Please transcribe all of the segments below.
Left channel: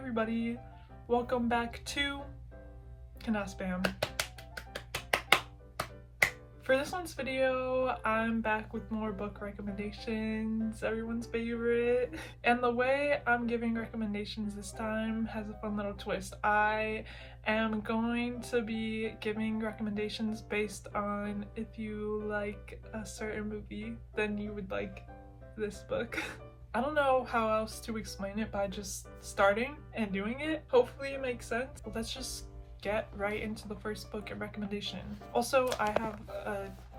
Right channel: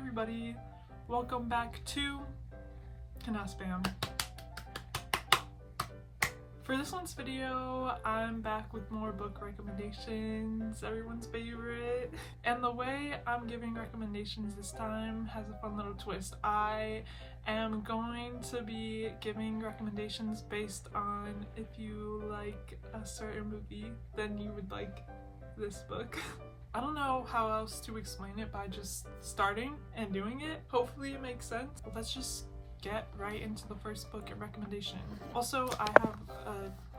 everybody, welcome back to Kenahspam. For this one's video, I'm back with more book recommendations, everyone's favorite. And the way I'm giving recommendations this time has a fun little twist. I am going to be giving recommendations based on if you like a certain movie, then you would like this book. I don't know how else to explain it by just starting and doing it. Hopefully it makes sense. But let's just get right into the first book and recommendation. Also, I have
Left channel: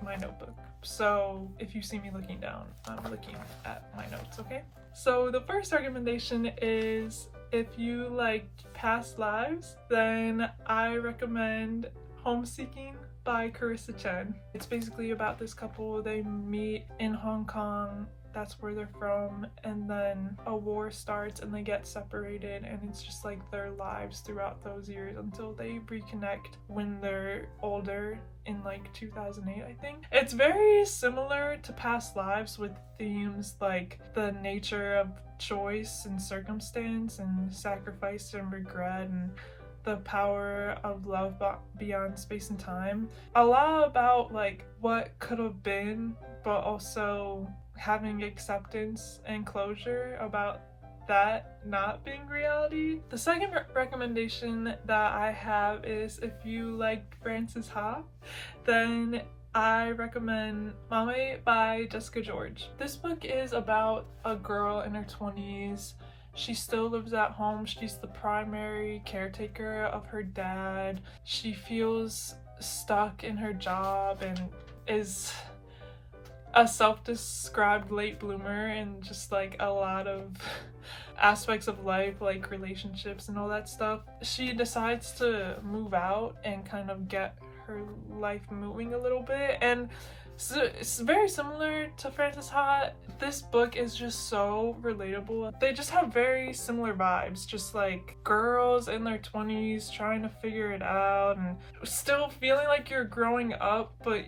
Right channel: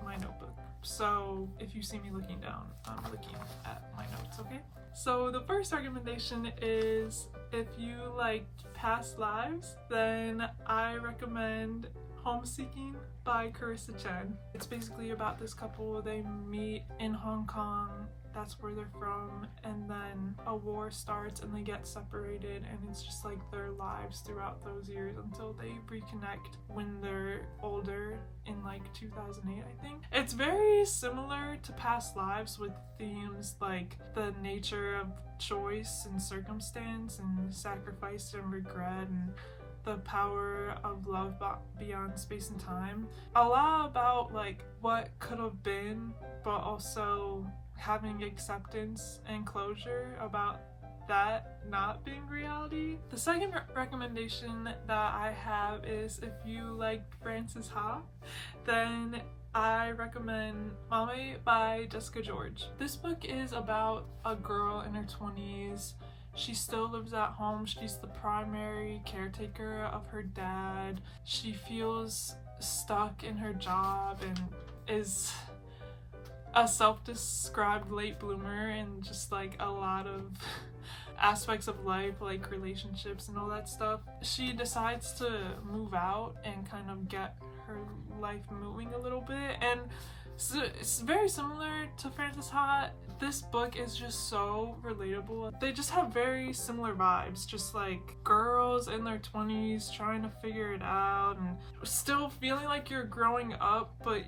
my notebook, so if you see me looking down, I'm looking at my notes, okay? So the first recommendation is, if you like past lives, then I recommend Homeseeking by Carissa Chen. It's basically about this couple. They meet in Hong Kong, that's where they're from, and then a war starts and they get separated, and it's just like their lives throughout those years until they reconnect when they're older in like 2008, I think. It's very similar to past lives with themes like the nature of choice and circumstance and sacrifice and regret and the power of love beyond space and time. A lot about like what could have been, but also having acceptance and closure about that not being reality. The second recommendation that I have is, if you like Frances Ha, then I recommend Mame by Jessica George. This book is about a girl in her 20s. She still lives at home. She's the primary caretaker of her dad. She feels stuck in her job and is a self-described late bloomer and just like a lot of aspects of life, like relationships and all that stuff. She decides to move out and kind of get her life moving a little bit, and so it's very similar to Frances Ha. This book is just so relatable. They just have very similar vibes, just like girls in their 20s trying to figure it out and still feeling like you're growing up, but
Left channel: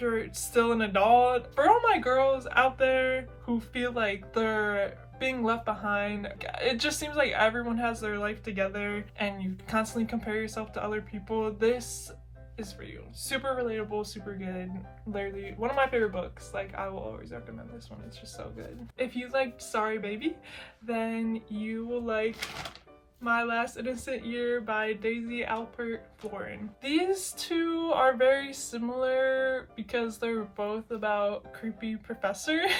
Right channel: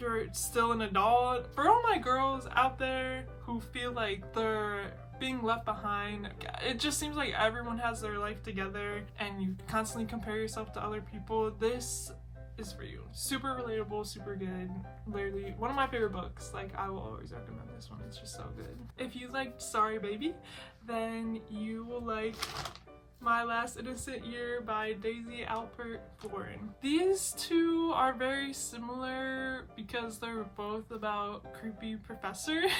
you're still an adult. For all my girls out there who feel like they're being left behind, it just seems like everyone has their life together and you constantly compare yourself to other people. This is for you. Super relatable, super good. Literally one of my favorite books. Like, I will always recommend this one. It's just so good. If you liked Sorry Baby, then you will like My Last Innocent Year by Daisy Alpert Florin. These two are very similar because they're both about creepy professors,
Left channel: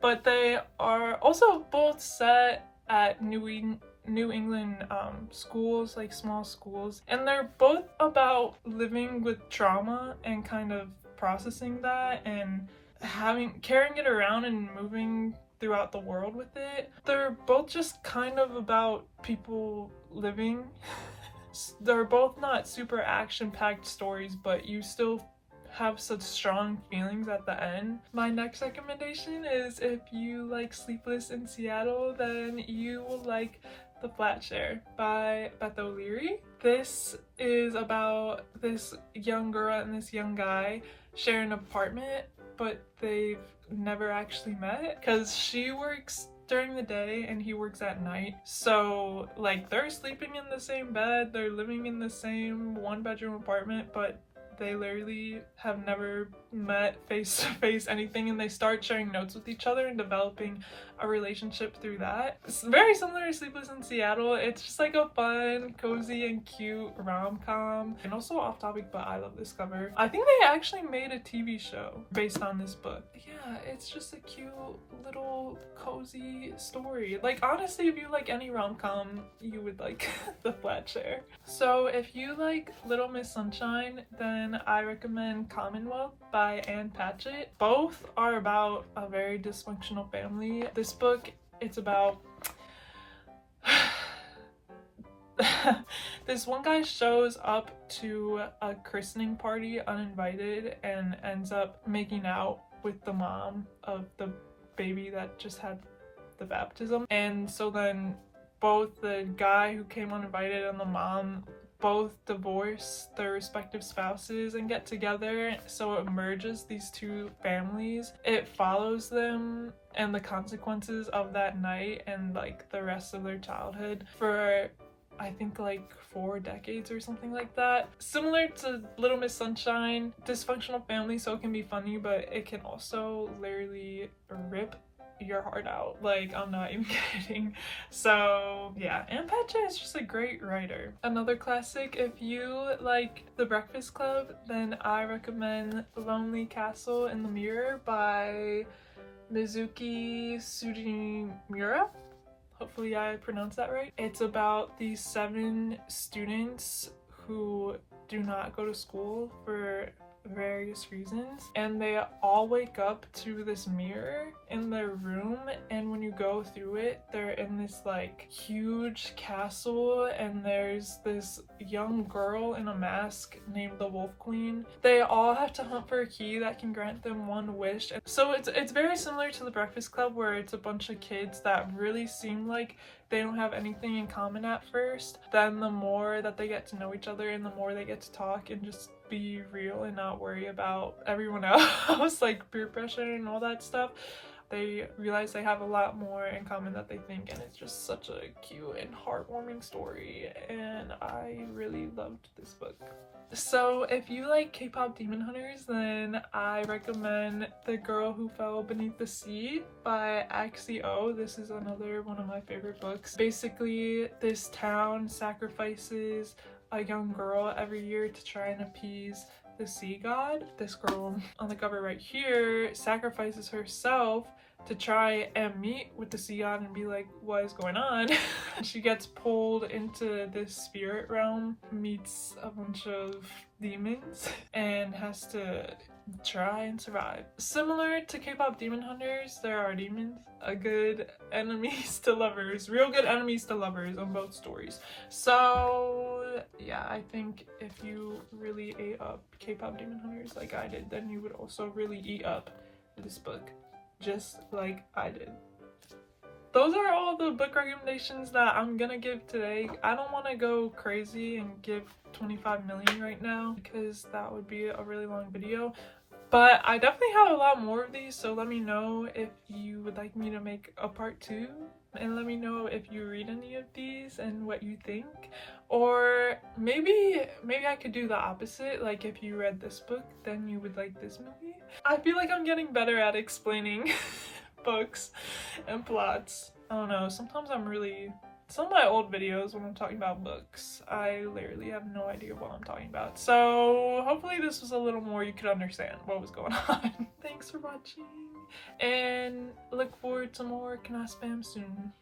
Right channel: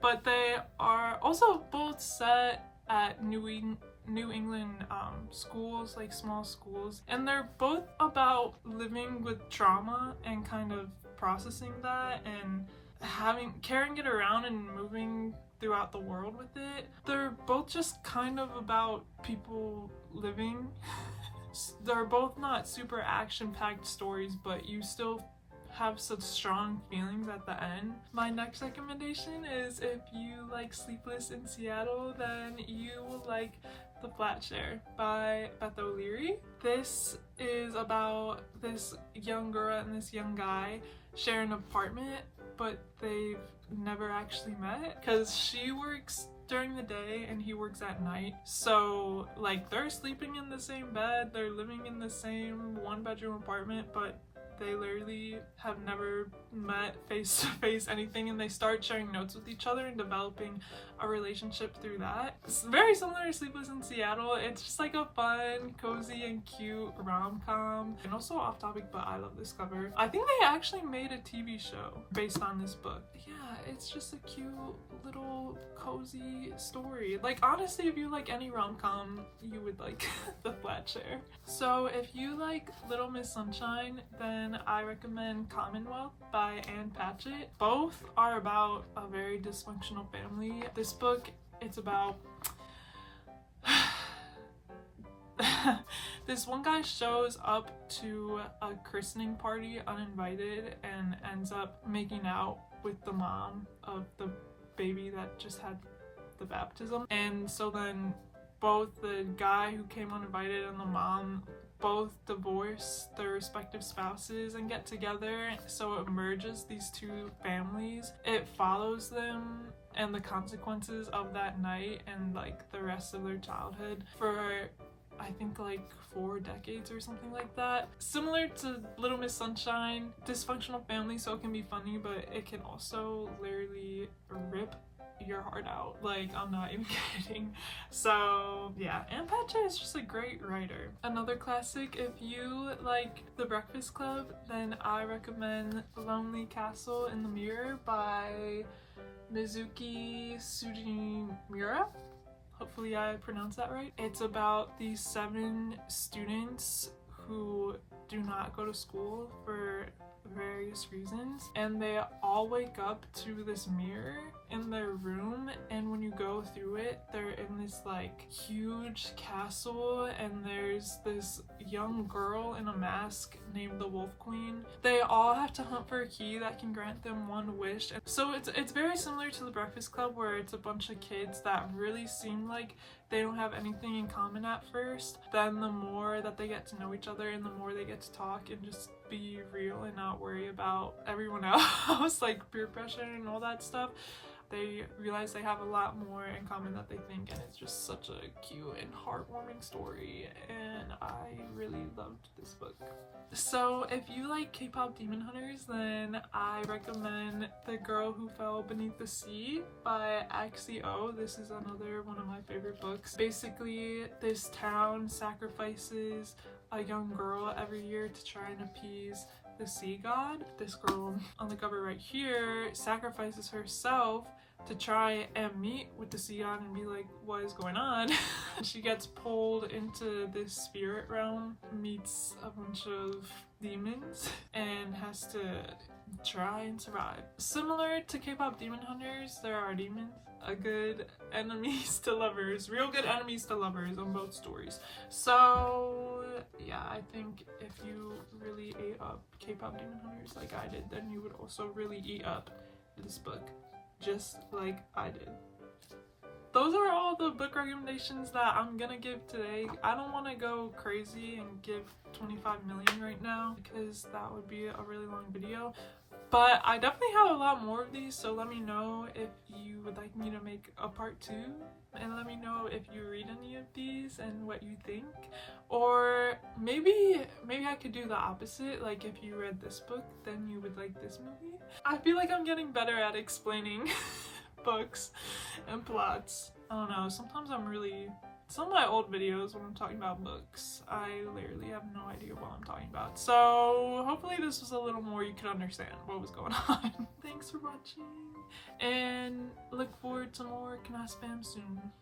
but they are also both set at New England schools, like small schools, and they're both about living with trauma and kind of processing that and carrying it around and moving throughout the world with it. They're both just kind of about people living. They're both not super action-packed stories, but you still have such strong feelings at the end. My next recommendation is, if you like Sleepless in Seattle, then you will like The Flat Share by Beth O'Leary. This is about this young girl and this young guy share an apartment, but they've never actually met because she works during the day and he works at night. So like, they're sleeping in the same bed, they're living in the same one-bedroom apartment, but they literally have never met face to face anything, and they start sharing notes with each other and developing a relationship through that. It's very similar to Sleepless in Seattle. It's just like a fun, cozy, and cute rom-com. And also off topic, but I love this cover. I think they actually made a TV show based on this book. Yeah, it's just a cute little cozy story. Like, honestly, if you like any rom-com, you would like The Flat Share. So if you like Little Miss Sunshine, then I recommend Commonwealth by Anne Patchett. Both are about a very dysfunctional family. This book, it's about this one guy shows up to a christening party uninvited and ends up making out with the mom of the baby that just had the baptism. And so then both the guy who came uninvited and the mom both divorce their respective spouses and get together, so it merges these two families. It follows them and the consequences of that night and like the rest of their childhood for I think like 4 decades or something like that. Similar to Little Miss Sunshine, dysfunctional family, so it can be funny, but it can also literally rip your heart out. Like, I'm not even kidding. So yeah, and Patcha is just a great writer. Another classic, if you like The Breakfast Club, then I recommend Lonely Castle in the Mirror by Mizuki Sugimura. Hopefully I pronounced that right. It's about these 7 students who do not go to school for various reasons, and they all wake up to this mirror in their room, and when you go through it, they're in this like huge castle, and there's this young girl in a mask named the Wolf Queen. They all have to hunt for a key that can grant them one wish. So it's very similar to The Breakfast Club, where it's a bunch of kids that really seem like they don't have anything in common at first. Then the more that they get to know each other and the more they get to talk and just be real and not worry about everyone else, like peer pressure and all that stuff, they realize they have a lot more in common than they think, and it's just such a cute and heartwarming story, and I really loved this book. So if you like K-pop demon hunters, then I recommend The Girl Who Fell Beneath the Sea by Axio. This is another one of my favorite books. Basically, this town sacrifices a young girl every year to try and appease the sea god. This girl on the cover right here sacrifices herself to try and meet with the sea god and be like, what is going on? She gets pulled into this spirit realm, meets a bunch of demons, and has to try and survive. Similar to K-pop demon hunters, there are demons, a good enemies to lovers, real good enemies to lovers on both stories. So yeah, I think if you really ate up K-pop demon hunters like I did, then you would also really eat up this book, just like I did. Those are all the book recommendations that I'm gonna give today. I don't want to go crazy and give 25 million right now because that would be a really long video, but I definitely have a lot more of these, so let me know if you would like me to make a part 2, and let me know if you read any of these and what you think. Or maybe I could do the opposite, like if you read this book then you would like this movie. I feel like I'm getting better at explaining books and plots. I don't know, sometimes some of my old videos when I'm talking about books, I literally have no idea what I'm talking about. So hopefully this was a little more you could understand what was going on. Thanks for watching, and look forward to more kenahspam soon.